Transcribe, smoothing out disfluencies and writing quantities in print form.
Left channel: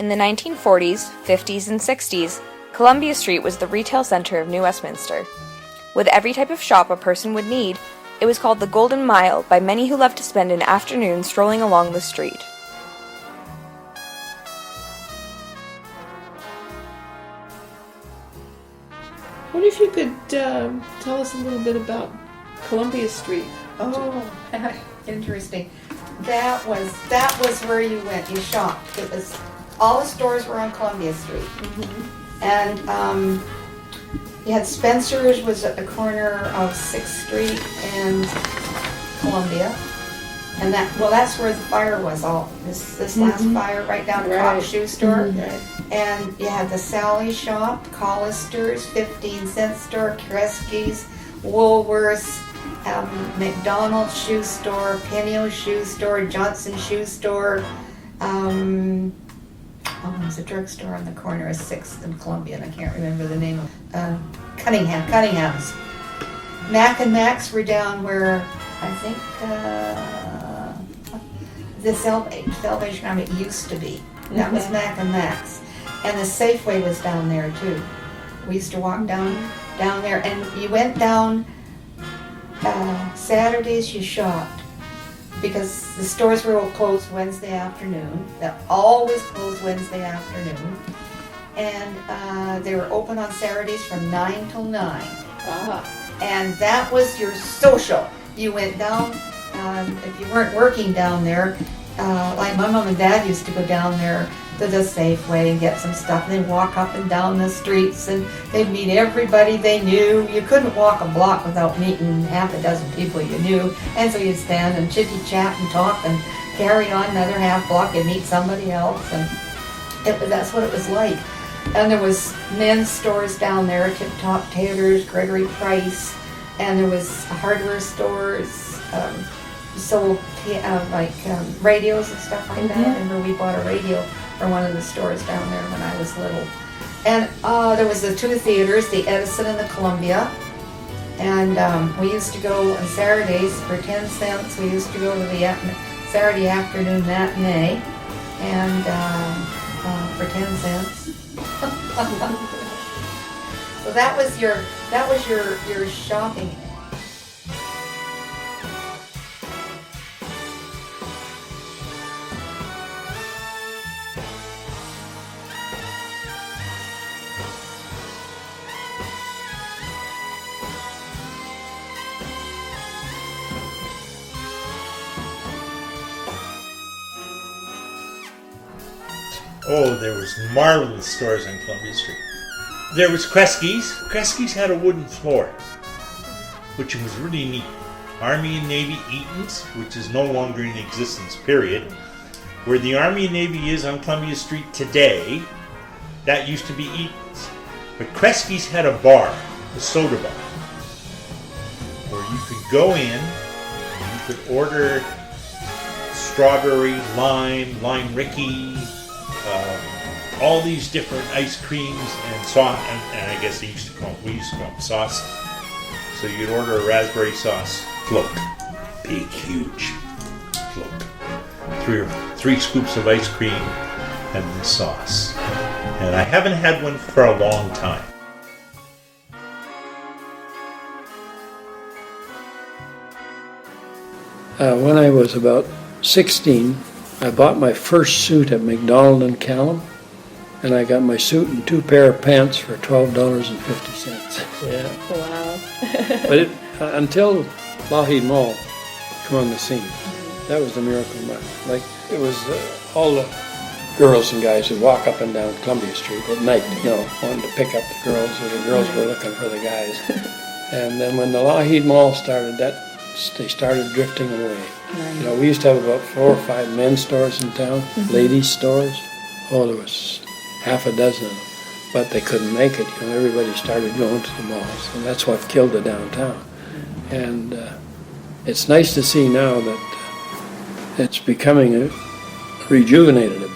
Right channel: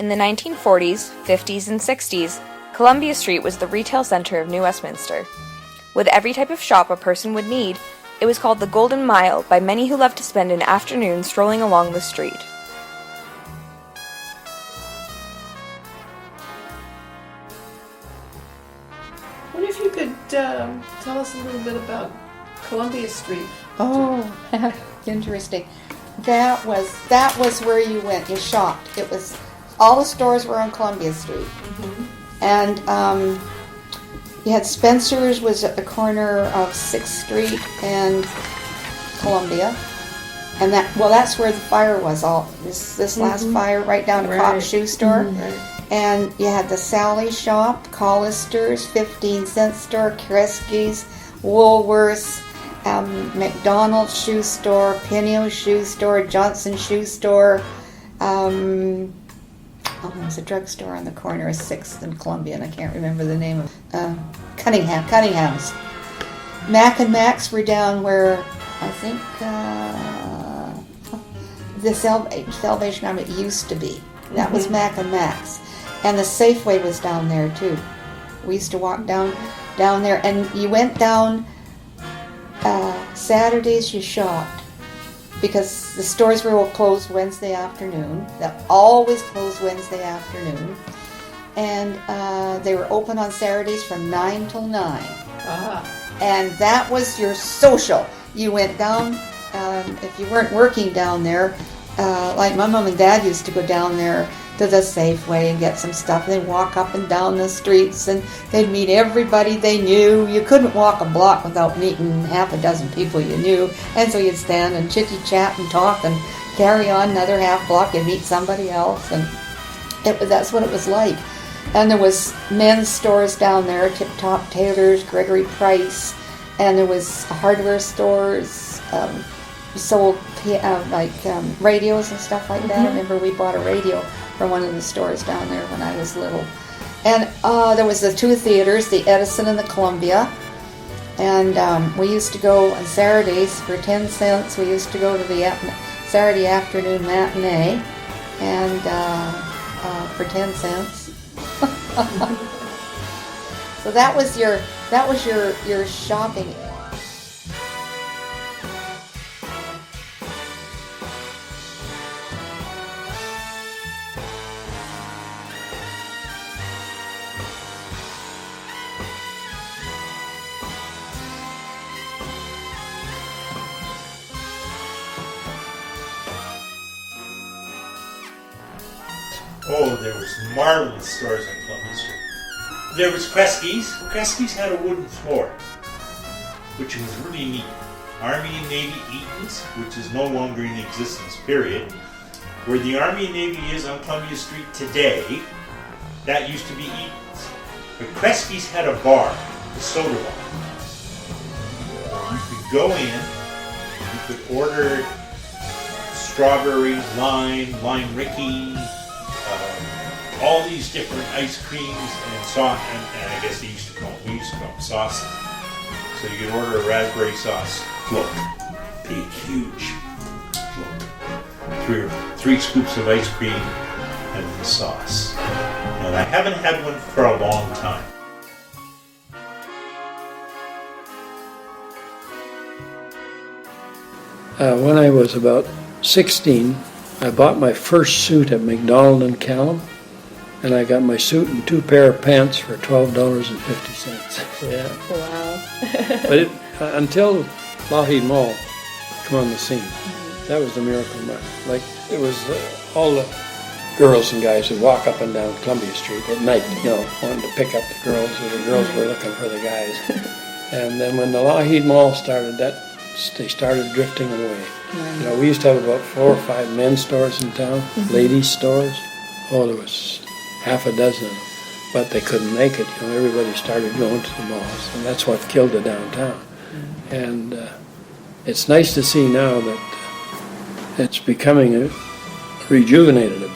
In the 1940s, 50s, and 60s, Columbia Street was the retail center of New Westminster. With every type of shop a person would need, it was called the Golden Mile by many who loved to spend an afternoon strolling along the street. What if you could tell us a little bit about Columbia Street? Oh, interesting. That was where you went. You shopped. It was all the stores were on Columbia Street, and you had Spencer's was at the corner of 6th Street and Columbia, and that's where the fire was. All this last fire right down the Cotton Shoe Store. And you had the Sally Shop, Collister's, 15-cent store, Kresge's, Woolworth's, McDonald's Shoe Store, Pinio Shoe Store, Johnson Shoe Store. There's a drugstore on the corner of 6th and Columbia, and I can't remember the name of Cunningham's. Mac and Max were down where I think the Salvation Army used to be. That was Mac and Max. And the Safeway was down there too. We used to walk down there, and you went down Saturdays. You shopped because the stores were all closed Wednesday afternoon. They're always closed Wednesday afternoon, and they were open on Saturdays from 9 till 9. And that was your social. You went down if you weren't working down there. Like my mom and dad used to go down there to the Safeway and get some stuff. They'd walk up and down the streets, and they'd meet everybody they knew. You couldn't walk a block without meeting half a dozen people you knew. And so you'd stand and chitty-chat and talk and carry on another half block and meet somebody else. And that's what it was like. And there was men's stores down there, Tip Top Tailors, Gregory Price, and there was hardware stores. Sold radios and stuff like that. I remember we bought a radio from one of the stores down there when I was little. And there was the two theaters, the Edison and the Columbia. And we used to go on Saturdays for 10 cents. We used to go to the Saturday afternoon matinee, and for 10 cents. So that was your shopping. Oh, there was marvelous stores on Columbia Street. There was Kresge's. Kresge's had a wooden floor, which was really neat. Army and Navy Eaton's, which is no longer in existence, period. Where the Army and Navy is on Columbia Street today, that used to be Eaton's. But Kresge's had a bar, a soda bar, where you could go in, you could order strawberry, lime Ricky, all these different ice creams and sauce, and I guess we used to call them sauce. So you could order a raspberry sauce float, big, huge float. Three scoops of ice cream and the sauce. And I haven't had one for a long time. When I was about 16, I bought my first suit at McDonald and Callum, and I got my suit and 2 pair of pants for $12.50. Yeah. Wow. But until Lougheed Mall come on the scene, that was the Miracle Mile. Like, it was all the girls and guys would walk up and down Columbia Street at night, wanting to pick up the girls, or the girls were looking for the guys. And then when the Lougheed Mall started, they started drifting away. Right. We used to have about 4 or 5 men's stores in town, ladies' stores. Oh, there was half a dozen of them, but they couldn't make it. Everybody started going to the malls, and that's what killed the downtown. And it's nice to see now that it's becoming rejuvenated a